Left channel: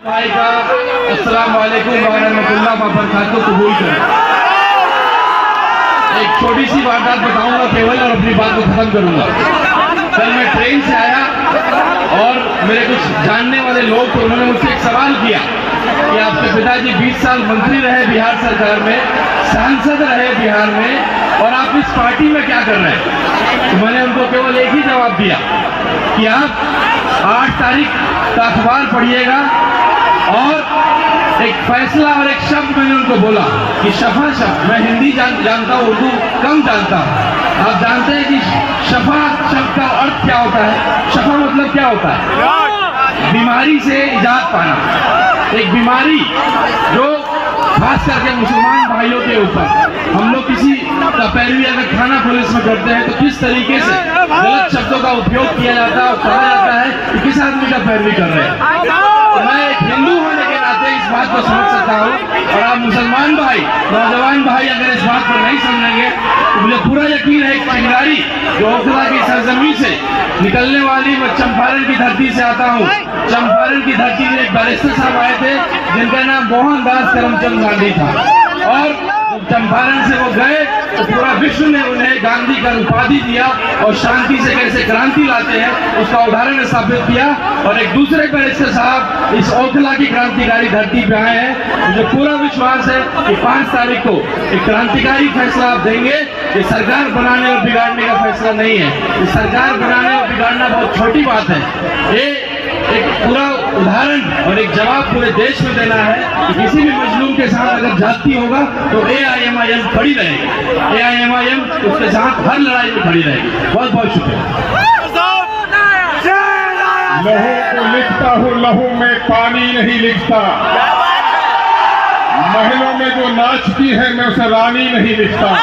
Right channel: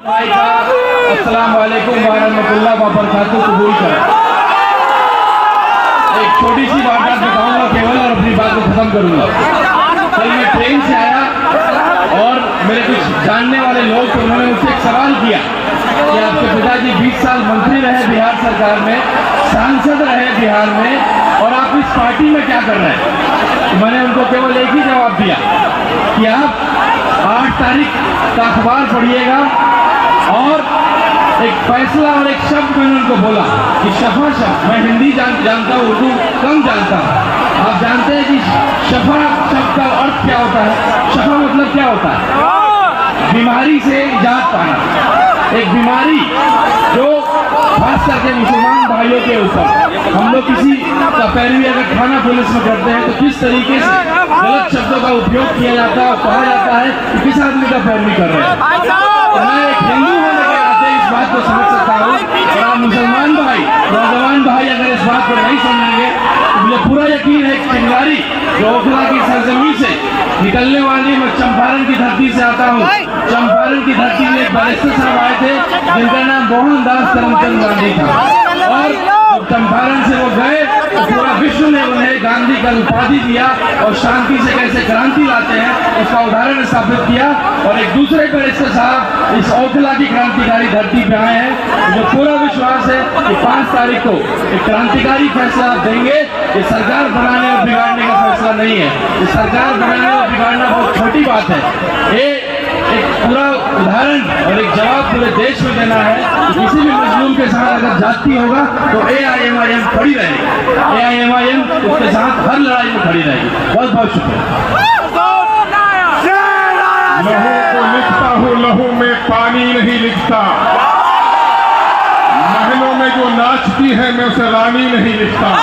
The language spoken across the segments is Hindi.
भाई का अस्सलाम वालेकुम वरहमतुल्लाह वबरकातुहू कबूल करें। एक छोटी सी वारदात बताऊंगा केवल और अपनी बात को खत्म करूंगा। कल मैं ट्रेन से आया और मेरे कुछ जानने वाले लोग थे, उन्होंने मुझसे एक सवाल किया कि आपके पिताजी 20 साल मंत्री रहे बिहार सरकार में, सांसद रहे बिहार में, और आप इस पार्टी में क्या कर रहे हैं। तो मैंने उनको केवल एक ही जवाब दिया कि आप 8 तारीख का अखबार पढ़िएगा और एक फैसला और एक शब्द मैंने उनको बोला कि शफा शब्द, मैं हिंदी जानता हूँ, उर्दू कम जानता हूँ। आप जानते हैं कि शफा शब्द का अर्थ क्या होता है? शफा मतलब क्या होता है? बीमारी से निजात पाना। एक बीमारी जो खास करके मुसलमान भाइयों के ऊपर, हम लोग किसी का पैरवी अगर थाना पुलिस में करते हैं तो किस तरीके से गलत शब्दों का उपयोग किया जाता है और कहा जाता है कि किस आदमी का पैरवी कर रहे हैं। तो मैं एक हिंदू होने के नाते इस बात को समझ सकता हूँ, और आप मुसलमान भाई, नौजवान भाई अगर इस बात पर नहीं समझेंगे तो मुझे पूरा यकीन है कि चिंगारी जो ओखला की सरजमीन से निकलने वाली, मैं चंपारण की धरती से आता हूँ। चंपारण की धरती में एक बैरिस्टर साहब आए थे जिनका नाम मोहनदास करमचंद गांधी था, और चंपारण से वो गए तो पूरा विश्व ने उन्हें गांधी का उपाधि दिया और शांति से कैसे क्रांति लाते हैं उसका उदाहरण स्थापित किया। और एक दूसरे बैरिस्टर साहब इस ओखला की क्रांतिकारी धरती पे आए हैं। मुझे पूरा विश्वास है कि 5 तारीख को एक क्रांतिकारी फैसला आप देंगे। ये सरकार बनाने और बिगाड़ने का फैसला नहीं है। ये सरकार बनाने और बिगाड़ना बहुत छोटी बात है। ये एक पूरा उदाहरण और एक जवाब पूरे देश में देना है कि किसी भी मजलूम के साथ अगर जाति होगा तो AIMIM खड़ी रहेगी। AIMIM उसके साथ हर लड़ाई में खड़ी रहेगी। बहुत बहुत शुक्रिया। लहू को लिखता हूँ, लहू में पानी नहीं लिखता। महलों में जो नाचती है मैं उसे रानी नहीं लिखता।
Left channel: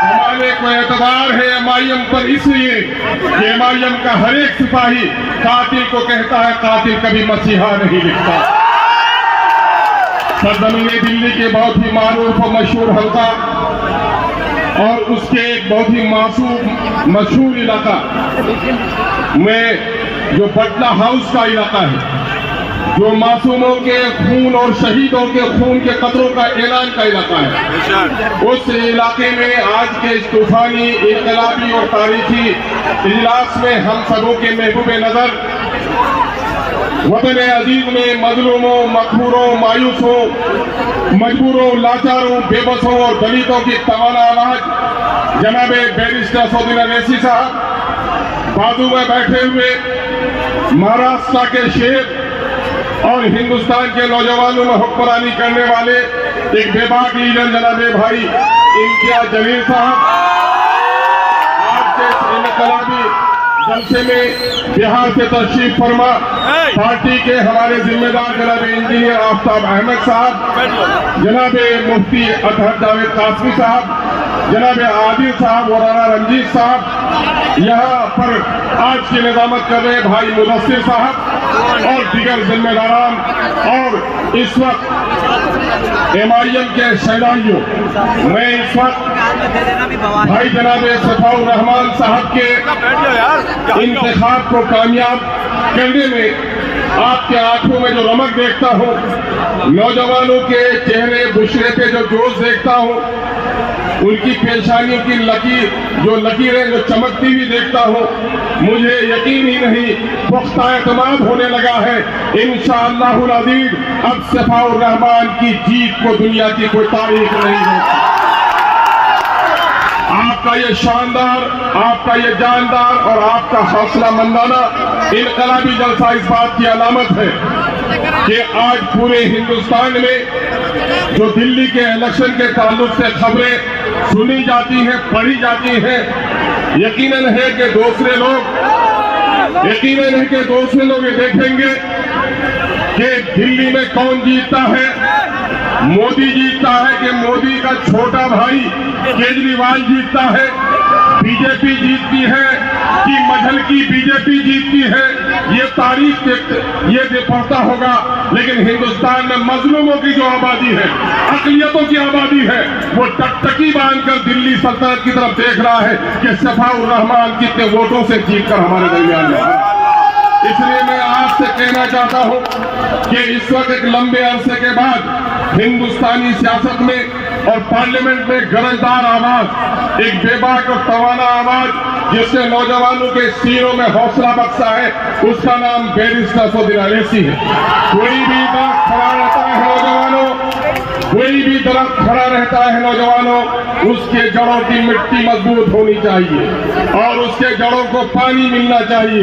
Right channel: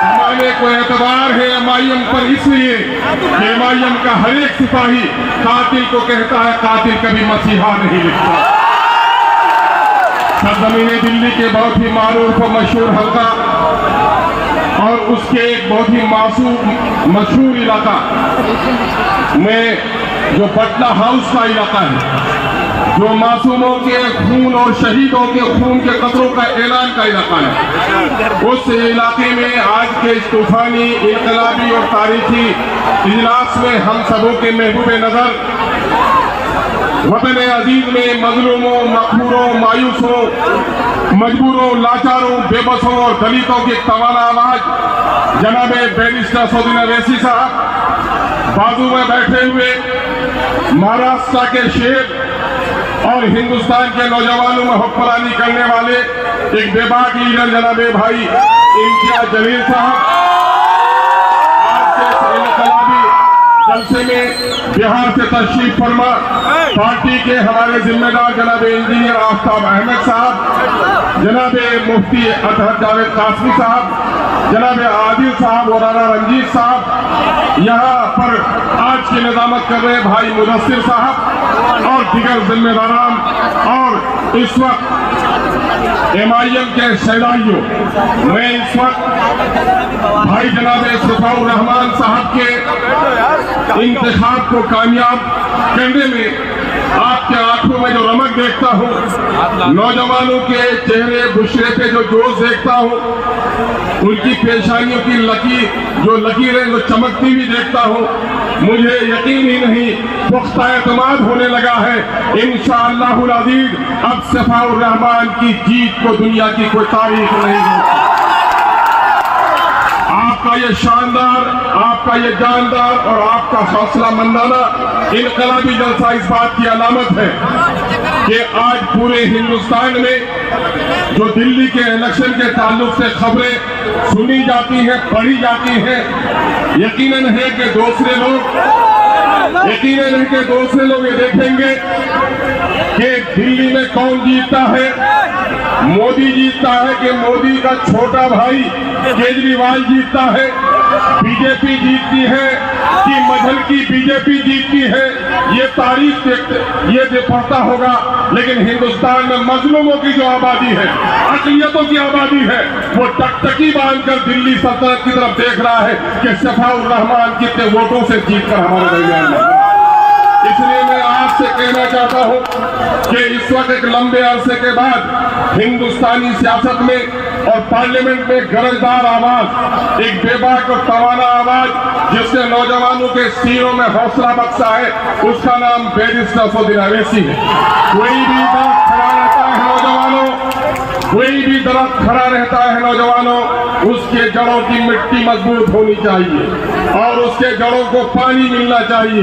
हमारे को एतबार है MIM पर इसलिए कि MIM का हर एक सिपाही कातिल को कहता है कातिल कभी मसीहा नहीं लिखता। सरजमीन दिल्ली के बहुत ही मारूफ और मशहूर हल्का और उसके एक बहुत ही मशहूर इलाका में जो बटला हाउस का इलाका है, जो मासूमों के खून और शहीदों के खून के कतरों का ऐलान का इलाका है, उस इलाके में आज के इस तूफानी इनकलाबी और तारीखी इजलास में हम सबों के महबूब नजर वतन अजीज में मजलूमों, मकबूरों, मायूसों, मजबूरों, लाचारों, बेबसों और दलितों की तवाना आवाज जनाब बैरिस्टर सौदीन अवैसी साहब, बाजू में बैठे हुए महाराष्ट्र के शेर और हिंदुस्तान के नौजवानों में हुक्मरानी करने वाले एक बेबाक लीडर जनाब भाई इम्तियाज जलील साहब, आज के इनकलाबी जलसे में बिहार से तशरीफ फरमा पार्टी के हमारे जिम्मेदार जनाब इंजीनियर आफ्ताब अहमद साहब, जनाब मुफ्ती अतहर जावेद कासमी साहब, जनाब आदिल साहब और राना रंजीत साहब, यहाँ पर आज की निजामत कर रहे भाई मुदस्सिर साहब और दीगर जिम्मेदारान, और इस वक्त MIM के शहदाइयों, मैं इस वक्त भाई जनाब सफाउर रहमान साहब के इंतखाब को कामयाब करने में आपके आंखों में जो रमक देखता हूँ, नौजवानों के चेहरे बुशरे पे जो जोश देखता हूँ, उनकी पेशानियों की लकीरें जो चमकती हुई देखता हूँ, मुझे यकीन ही नहीं पुख्ता एतमाद होने लगा है इंशाअल्लाहुल अज़ीज़ अब सफाउर रहमान की जीत को दुनिया की कोई तारीख नहीं है। आपका ये शानदार, आपका ये जानदार और आपका हौसला मंदाना इनकलाबी जलसा इस बात की अलामत है कि आज पूरे हिंदुस्तान में जो दिल्ली के इलेक्शन के ताल्लुक से खबरें सुनी जाती हैं, पढ़ी जाती हैं, यकीनन है कि दूसरे लोग ये देखेंगे कि दिल्ली में कौन जीतता है। मोदी जीतता है कि मोदी का छोटा भाई केजरीवाल जीतता है, बीजेपी जीतती है कि मजहल की बीजेपी जीतती है, ये तारीख ये पता होगा। लेकिन हिंदुस्तान में मजलूमों की जो आबादी है, अक़लियतों की आबादी है, वो टकटकी बांधकर दिल्ली सल्तनत की तरफ देख रहा है कि सफाउर रहमान कितने वोटों से जीतकर हमारे दरमियान में। इसलिए मैं आपसे कहना चाहता हूं कि इस वक्त एक लंबे अरसे के बाद हिंदुस्तानी सियासत में और पार्लियामेंट में गरजदार आवाज, एक बेबाक और तवाना आवाज जिसने नौजवानों के सीनों में हौसला बख्शा है, उसका नाम बैरिस्टर असदुद्दीन अवैसी है। कोई भी दरख्त खड़ा रहता है नौजवानों, कोई भी दरख्त खड़ा रहता है नौजवानों, उसके जड़ों की मिट्टी मजबूत होनी चाहिए और उसके जड़ों को पानी मिलना चाहिए।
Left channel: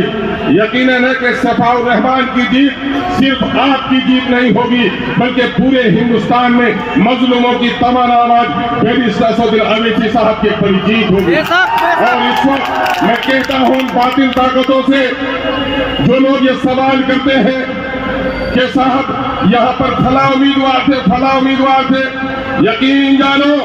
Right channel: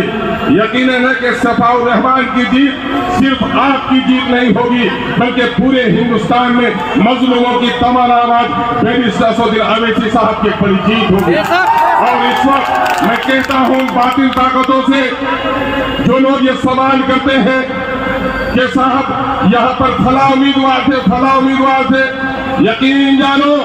यकीनन है कि सफाउर रहमान की जीत सिर्फ आपकी जीत नहीं होगी, बल्कि पूरे हिंदुस्तान में मजलूमों की तमाम आवाज बैरिस्टर असदुद्दीन अवैसी साहब की बड़ी जीत होगी। और इस वक्त मैं कहता हूं बातिल ताकतों से, जो लोग ये सवाल करते हैं कि साहब यहाँ पर फला उम्मीदवार थे, यकीन जानो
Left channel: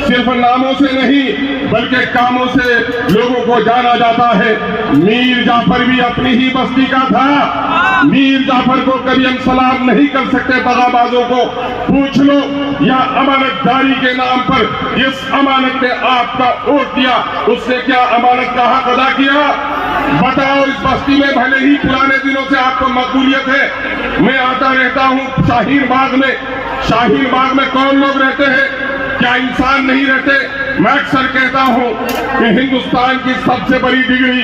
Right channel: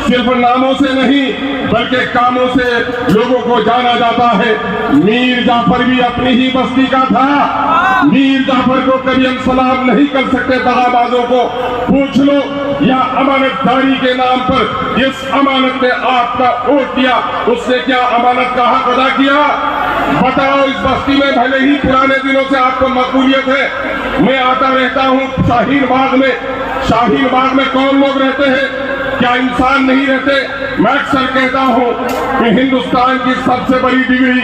सिर्फ नामों से नहीं बल्कि कामों से लोगों को जाना जाता है। मीर जाफर भी अपनी ही बस्ती का था। मीर जाफर को कभी हम सलाम नहीं कर सकते दगाबाजों को। पूछ लो, या अमानतदारी के नाम पर इस अमानत ने आपका वोट दिया, उसने क्या अमानत का हक अदा किया? बताओ, इस बस्ती में भले ही पुराने दिनों से आपको मकबूलियत है, मैं आता रहता हूँ शाहीन बाग में कौन लोग रहते हैं? क्या इंसान नहीं रहते? मैं अक्सर कहता हूं कि हिंदुस्तान की सबसे बड़ी डिग्री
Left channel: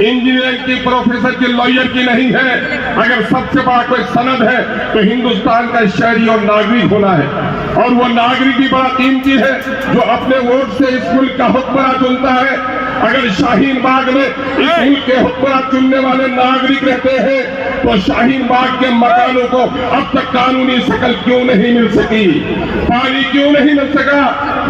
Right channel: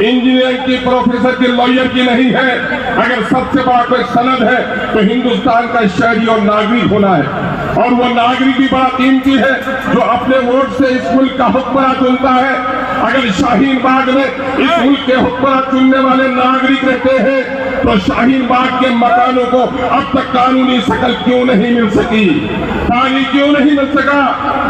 इंजीनियरिंग की, प्रोफेसर की, लॉयर की नहीं है। अगर सबसे बड़ा कोई सनद है तो हिंदुस्तान का शहरी और नागरिक होना है, और वो नागरिक भी बड़ा कीमती है जो अपने वोट से इस मुल्क का हुक्मरान चुनता है। अगर शाहीन बाग में इस मुल्क के हुक्मरान चुनने वाले नागरिक रहते हैं तो शाहीन बाग के मकानों को अब तक कानूनी शकल क्यों नहीं मिल सकी? पानी क्यों नहीं मिल सका?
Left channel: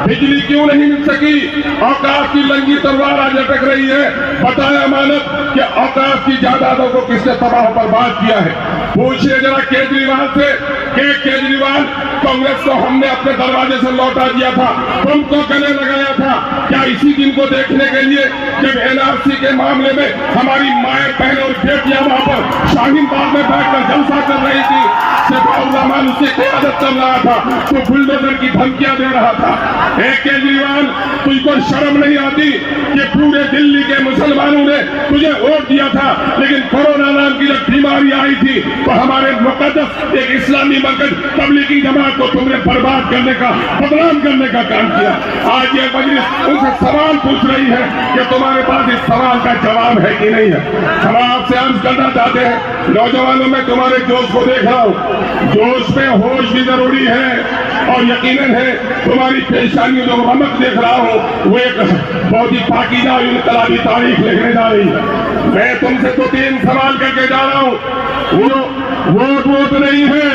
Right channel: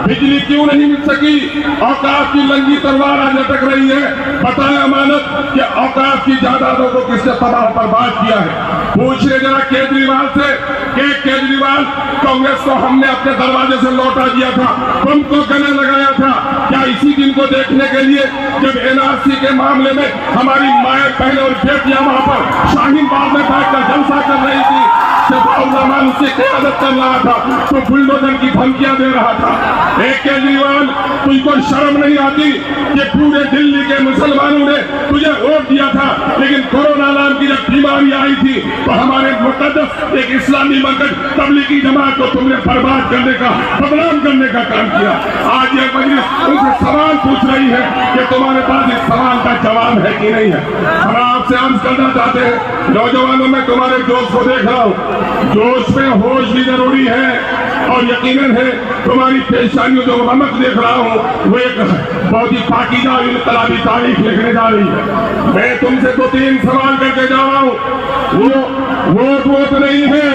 बिजली क्यों नहीं मिल सकी? औकाफ की लंगी तलवार आज लटक रही है। बताएं अमानत कि औकाफ की जायदादों को किसने तबाह बर्बाद किया है? पूछिए जरा केजरीवाल से कि केजरीवाल, कांग्रेस को हमने अपने दरवाजे से लौटा दिया था, तुमको गले लगाया था, क्या इसी दिन को देखने के लिए जब एनआरसी के मामले में हमारी माएं, बहनें और बेटियां वहां पर शाहीन बाग में बैठकर जलसा कर रही थी, सफाउर रहमान उसे क़यादत कर रहा था, तो बुलडोजर की धमकियां दे रहा था? एक केजरीवाल, तुझको शर्म नहीं आती कि पूरे दिल्ली के मुसलमानों ने तुझे वोट दिया था, लेकिन कोरोना नाम की जब बीमारी आई थी तो हमारे मुकद्दस एक इस्लामी मरकज तबलीगी जमात को तुमने बर्बाद करने का, बदनाम करने का काम किया। आज ये मजलिस उनसे सवाल पूछ रही है कि तुम्हारे पास इस सवाल का जवाब है कि नहीं है? हम आपसे अर्ज करना चाहते हैं, नौजवानों में तुम्हारे जोश को देख रहा हूँ, जोश में होश भी जरूरी है, और यकीनन है तुम्हारी पेशानियों जो रमक देख रहा हूँ वो एक बहुत ही पाकीज़ा और इनकलाबी तारीख लिखने जा रही है। मैं तुमसे तो 3 सवाल करके जा रहा हूँ। वो वोट नहीं है,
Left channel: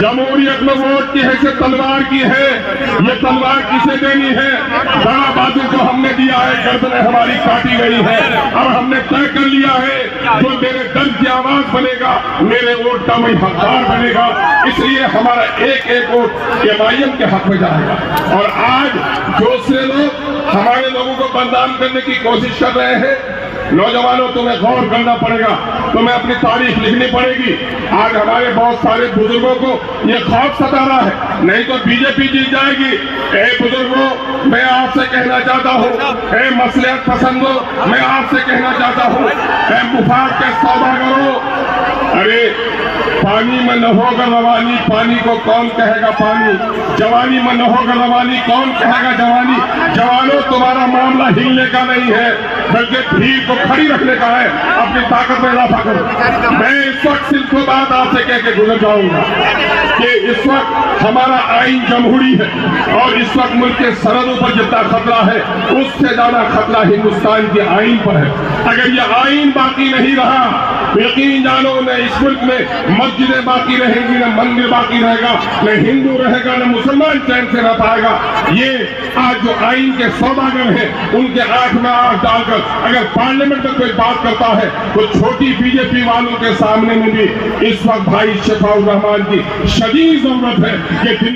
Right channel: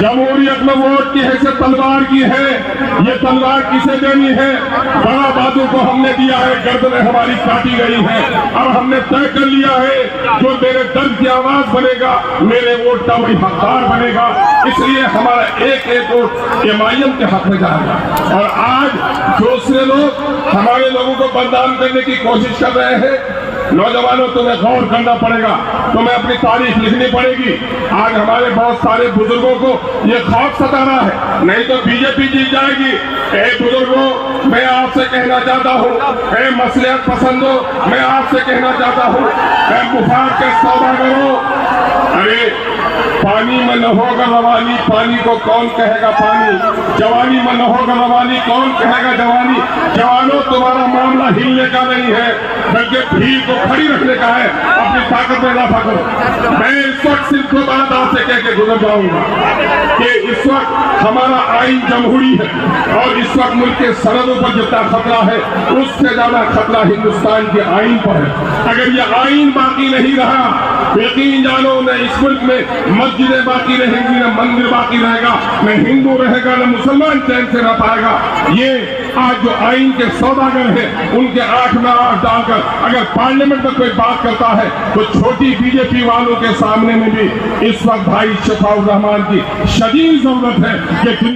जमहूरियत में वोट की हैसियत तलवार की है। ये तलवार किसे देनी है? दगाबाजों को हमने दिया है, गर्दनें हमारी काटी गई है। अब हमने तय कर लिया है जो मेरे दर्द की आवाज बनेगा, मेरे वोट का वही हकदार बनेगा। इसलिए हमारा एक एक वोट एमआईएम के हक में जाएगा। और आज जो से लोग हमारे लोगों को बदनाम करने की कोशिश कर रहे हैं, नौजवानों तुम्हें गौर करना पड़ेगा, तुम्हें अपनी तारीख लिखनी पड़ेगी। आज हमारे बहुत सारे बुजुर्गों को ये खौफ सता रहा है, नहीं तो बीजेपी जीत जाएगी। बुजुर्गों, मैं आपसे कहना चाहता हूँ, मसलियत पसंदों, मैं आपसे कहना चाहता हूँ, मुफाद के सौदागरों, अरे पानी में न होगा रवानी, पानी को कौन कहेगा पानी? जवानी में न होगा रवानी, कौन कहेगा जवानी? जवानों, तुम्हारा मामला हिलने का नहीं है, बल्कि भीड़ को खड़ी रखने का है। अपनी ताकत में इजाफा करो। मैं इस वक्त सिर्फ बात आपसे कह के गुजर जाऊंगा कि इस वक्त हमारा आइन जमहूरी है, और इस वक्त मुल्क के सरहदों पर जितना खतरा है उससे ज्यादा खतरा हिंदुस्तान के आइन पर है। अगर ये आइन बाकी नहीं रहा, यकीन जानो, न इस मुल्क में मस्जिदें बाकी रहेंगी, न मंदिर बाकी रहेगा, न हिंदू रहेगा, न मुसलमान चैन से रह पाएगा। ये आज जो आइन के सौदागर हैं, उनके आंख में आंख डालकर अगर पार्लियामेंट में कोई बात करता है तो छोटी बीजेपी वालों के सामने में भी इस वक्त भाई सफाउर रहमान की शदीद जरूरत है कि